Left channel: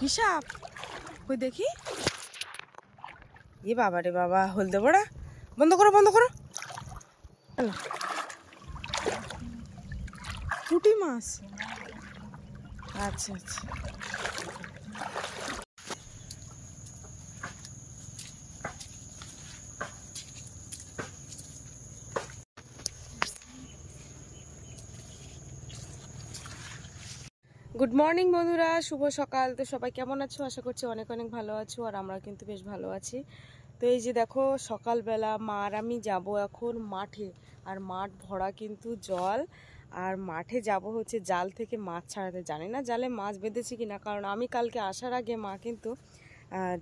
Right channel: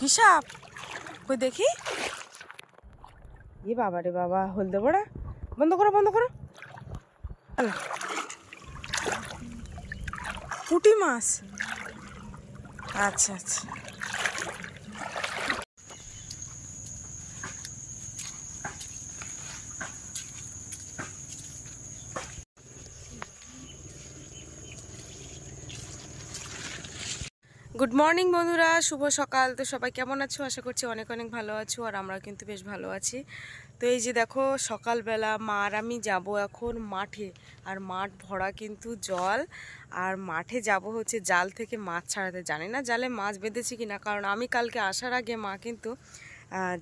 কি সাপ? কই দেখি। এ বাবা রে বাবা, হলদে বড়া, বন্ধ করো বন্ধ করো। পুঁটি মাছ, আচ্ছা আচ্ছা। গুড মর্নিং বন্ধুরা, শুভ সকাল। তো সবাই কেমন আছো? আশা করছি অনেক অনেক ভালো আছো, আর আমরা কিন্তু বেশ ভালো আছি। তো এই যে দেখো, সকালবেলা মা আর আমি যাব এখন মাঠে, আর মাঠ ভরা কিন্তু জল, আর মাঠে যাব হচ্ছে জাল থেকে মাছ ছাড়াতে। জানি না জালে মাছ বেঁধেছি কিনা, কারণ আমি কালকে আসার আগে মা কিন্তু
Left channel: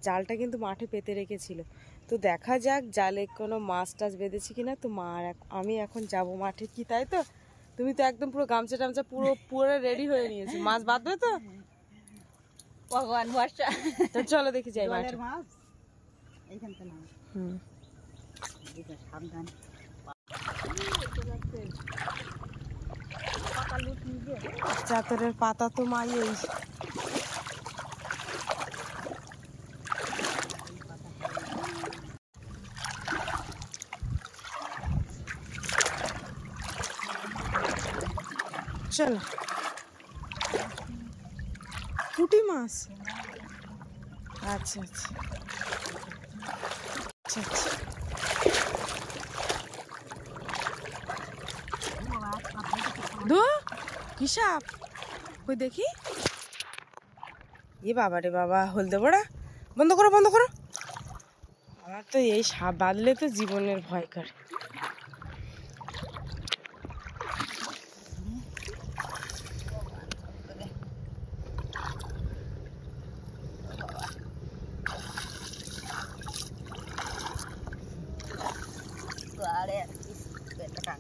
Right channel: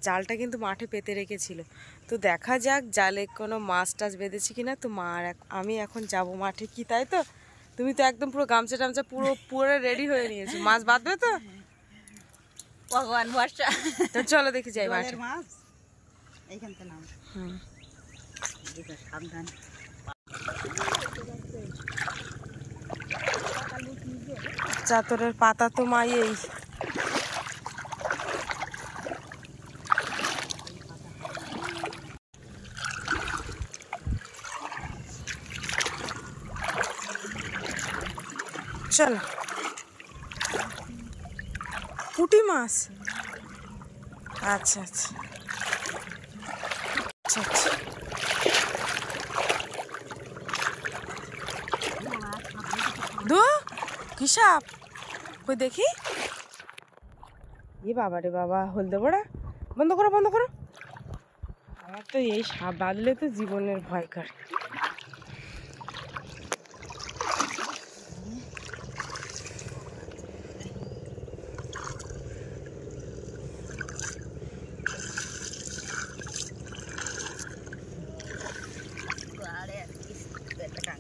জালটা কিন্তু মাঠে পেতে রেখেছিল। তো দেখা যাক জালে কোনো মাছ টাছ বেঁধেছি কিনা। তো মা আর আমি এখন যাব মাঠে, কি তাই তো? তুমি তো একদম পুরো গামছা টামছা পুরো পুরো রেডি হয়ে নিয়েছো, মাছ বাঁধবে তো? ভগবান ভরসা। তো চলো দেখি যাই মাঠে। সাবধান। চাদরের পাতা তো মাই এই চলো। পুঁটি মাছ, আচ্ছা আচ্ছা আচ্ছা আচ্ছা। দু কি সাপ? কই দেখি। এ বাবা রে বাবা, হলদে বড়া, বন্ধ করো বন্ধ করো। আমার তো এই সাপ বাঁধলে তো জীবনের ভয় করে।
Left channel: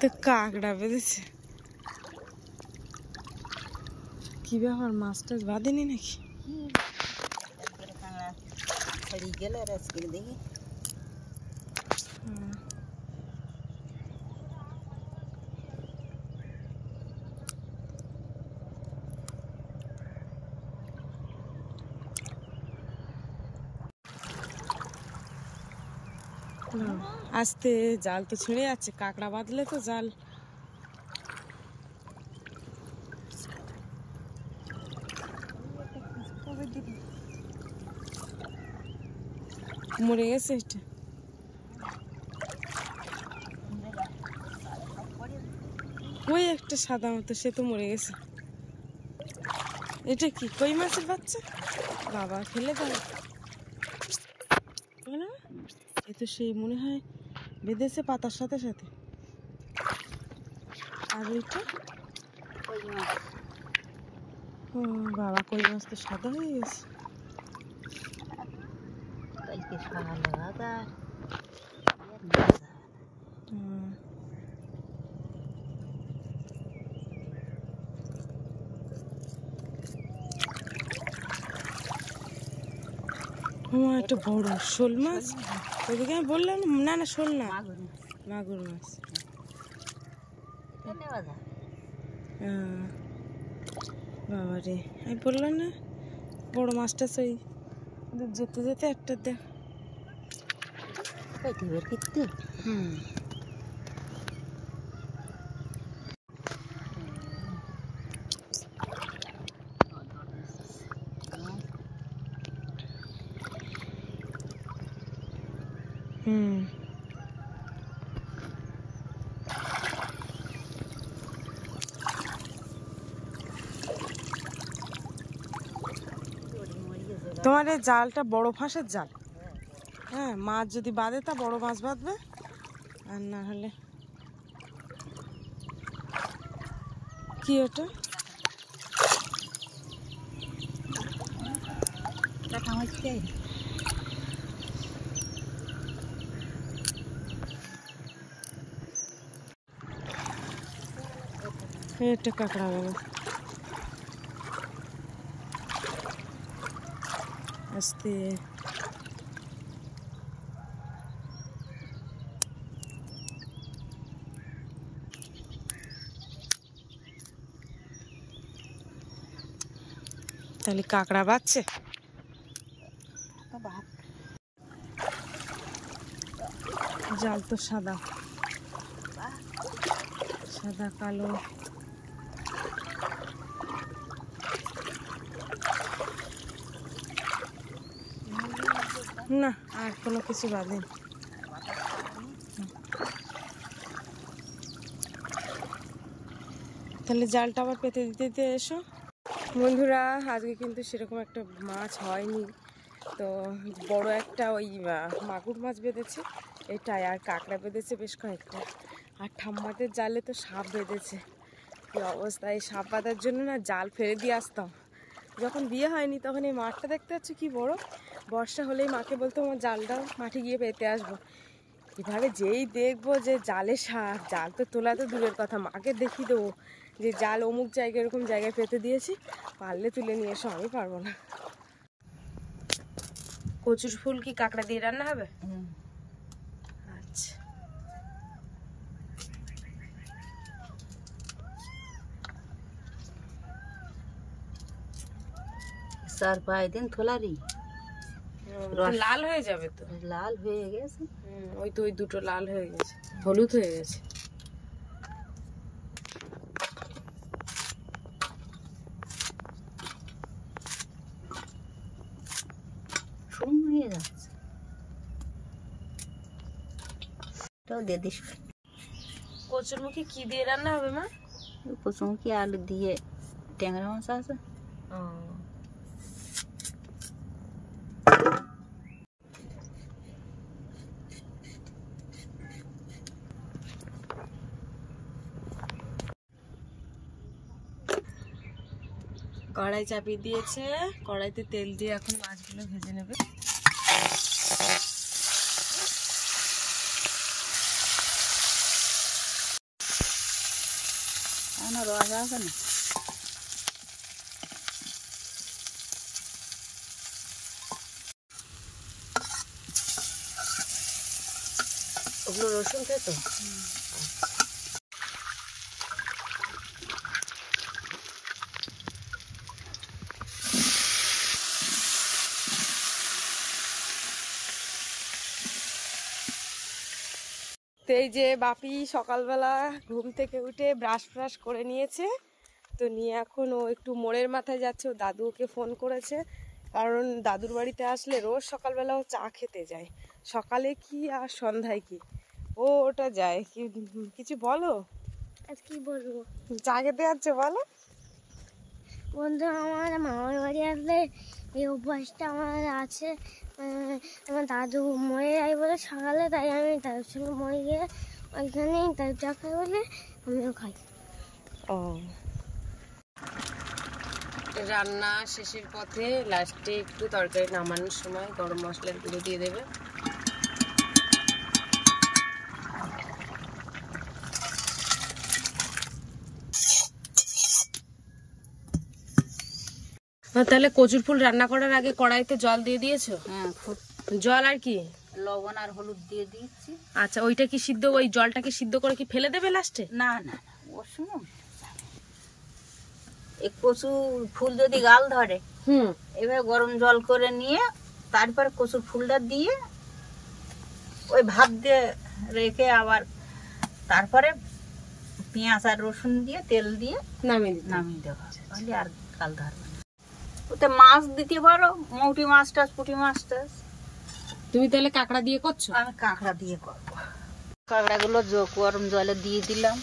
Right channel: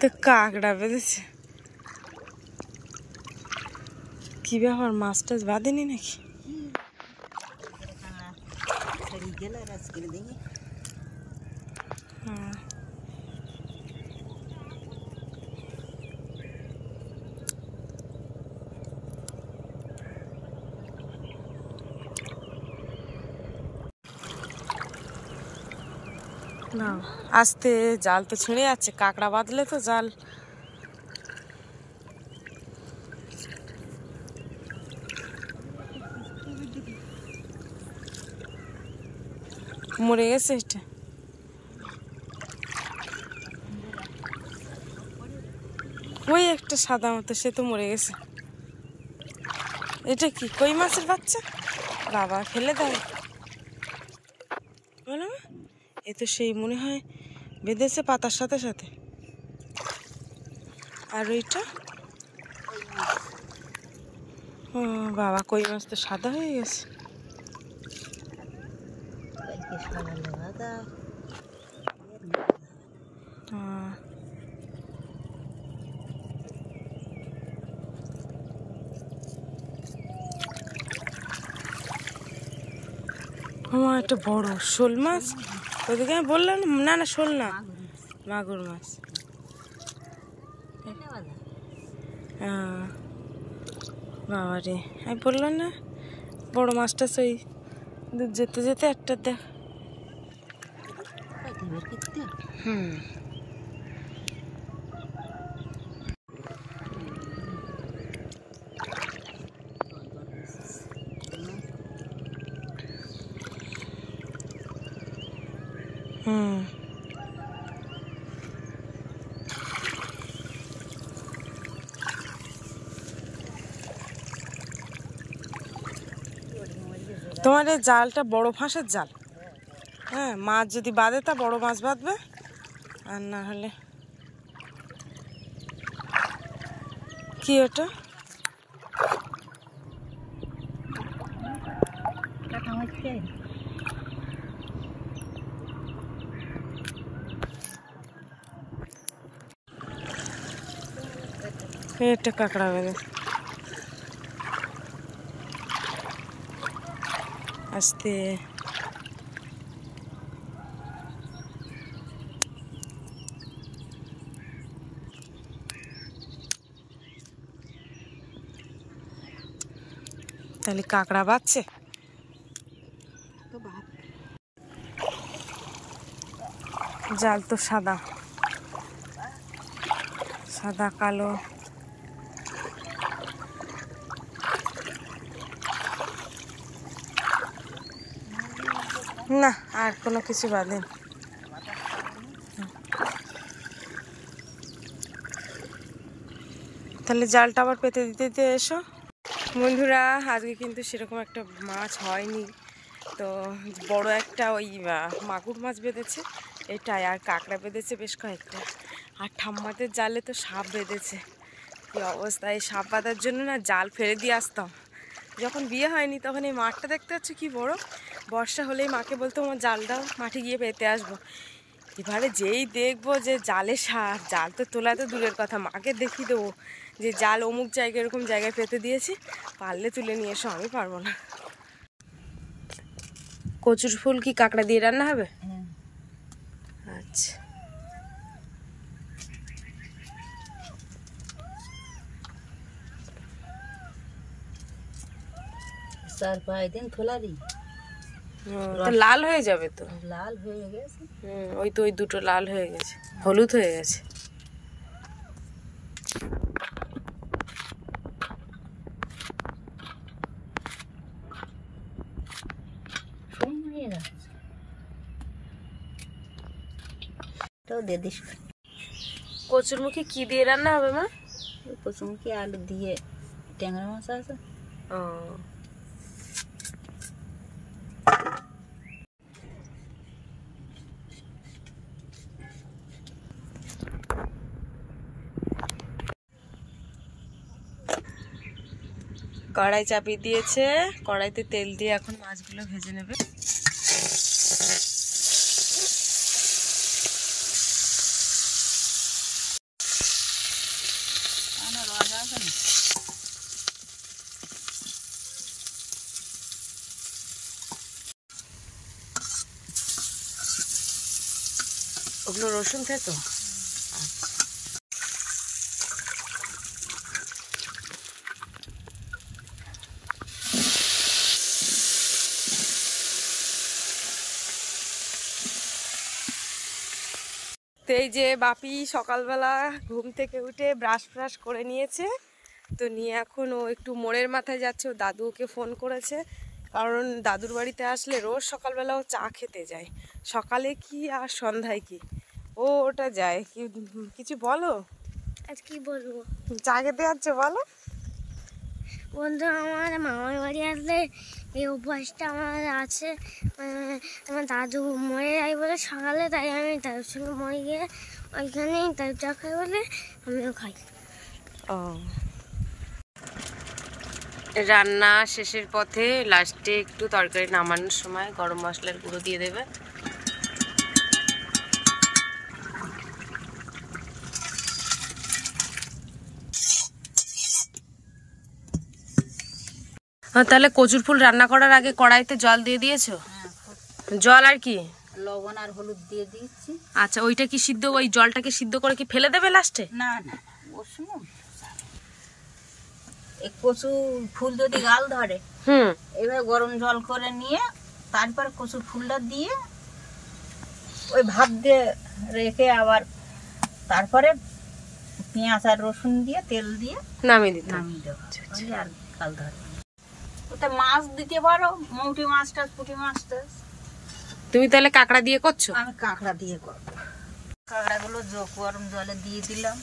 তো কাকড়া বেঁধেছে, কি ব্যাপার? মাছ টাছ বাঁধেনি নাকি? না আস্তে, জাল তো ছিঁড়ে যাচ্ছে। কাঁকড়া বাঁধলে তো জাল মরে গেছে। এটা ওই একটা সাদা মতো, সে তো মরে গেছে। এটা কি কই মাছের বাচ্চা? বাবা ফেলে দাও বলো। এ তো সেই মনে হয় বেঁধেছে পাতার সাথে সাথে। আর ওইটা ও বাবা, কই মাছ তো সাদা হয়ে গেছে। আমার একটা বড় শোল মাছ ওইদিকে, আমি বললাম না না শোল না, মাগুর মাছ। বাবা রে, আমি বললাম না বড় মাছটা, সেই যেতে যেতে একটা দেখ। হুম হুম। তোমার এই জালটা বড় ফাঁসের জাল, হ্যাঁ। মাছ যদি বাঁধে তা বড় মাছ বাঁধবে, আর না হলে কি ওটা? এটা কাঁকড়া বেঁধে আস্তে। তাহলে কাঁকড়া বাচ্ছে। ভাত জাল তো সাদা সাদা কালো। না আর কোনো কিছু বাঁধেন। তাহলে জালটা আবার পেতে দিতে দিতে এসো। বন্ধুরা আজকে কিন্তু সেরকম একটা মাছ হয়নি, তো বড় একটা ওই মাগুর মাছ বেঁধেছে এটাই, আর কাঁকড়া বেঁধেছে বেশ কয়েকটা, আর ঠাম্মাদের জালে তো সাপ বেঁধেছে। কী অবস্থা! এই সাপ বাঁধার জন্য না জাল ফেলে দিয়ে আসতাম। যখন বিয়ে হয়নি তখন এই মাঠটা দেখতে পাচ্ছ কি বড়, বর্ষা হলেই মাকে বলতো আমার জাল দাও, মাঠে গিয়ে পেতে আসবো। এবারে যেই দেখবো যে জালে সাপ, জাল তো তোলা তো দূরের কথা, মাকে দেখিয়ে দেবো যে জাল অমুক জায়গায় এরকম জায়গায় পেতে দিয়েছি, পারলে তুলে নিয়ে এসো, আমি পারবো না। কচুর ফুল কি কাঁকড়া দিয়ে রান্না হবে? আচ্ছা, চার পাঁচ দিন খোলারি লাল হয়ে যাবে তো। লাল হয়ে গেছে। ওই তো ওই দুটো লাল হয়ে গেছে, হলুদ হয়ে গেছে। শুকিয়ে যাচ্ছে, এটাও দিয়ে দিস। কচুর মুখে কি দিয়ে রান্না হবে মা? কচুমুখী আলু দিয়ে ট্যাংরা মাছ আছে। ও, কড়াই চাপিয়ে দিয়েছে, কড়াইতে তেল দিয়ে এখন মাছগুলো ভেজে নেবে। আমার রোজ আছে না। ওগুলো রসুন খেতো? তো এই যে বাপি সকালবেলা ঘুম থেকে উঠে ব্রাশ ফ্রাশ করে নিয়েছে, তো নিয়ে এখন ও একটু মোড়ের মাথায় যাচ্ছে। ও দাদু ওকে ফোন করেছে, কারণ দাদুর বাড়িতে আসলে রোজ সকালবেলা ও চা খেতে যায়, সকালে কি আর সন্ধ্যায় কি, ও ওটা যায়। কিছু বলো, আজ কি বলবো? চা খেতে যাচ্ছে বলো। বন্ধু, আমার মামার বাড়ি আসলে এই অভ্যাসটা আমার আছে। আমার দাদু মরে যায় বলে সকালে, তাই আমি দাদুর সঙ্গে মরে গিয়ে ওইখানেই দাদু চা খাই বলে আমিও খাই। ও, রান্না শেষের পথে লাস্টে একটু তরকারি নামানোর সময় গরম মশলার গুঁড়ো দিয়ে দেবে। তাহলে কচুর ফুল রান্না করার আগে কড়াইতে জল দিয়ে দিয়েছো? জল আর কি? লবণ আর হলুদ দিয়ে দিচ্ছি। আচ্ছা, ওইটা কি সিদ্ধ, ওই জলটাকে সিদ্ধ করে কি ফেলে দেবে লাস্টে? না না, ওর সময় এই কচু ফুল যদি গাল ধরে, এবার গরম জল করে নিয়ে তারপরে কচুর ফুলটা দিয়ে ওই ভাত দিয়ে রেখে আবার তারপরে পেঁয়াজ আর রসুন দিয়ে তেল দিয়ে নামিয়ে দিতে। নামিয়ে দেবো, আর গাল ধরে। ওটা মাছ দিতে পারো, মৌটি মাছটা, পুঁটি মাছটা। তুমি তাহলে কাঁকড়া দিয়ে করছো? আমি কাঁকড়া দিয়ে করবো। কাঁকড়াগুলো গরম জলে দিয়ে দিলাম।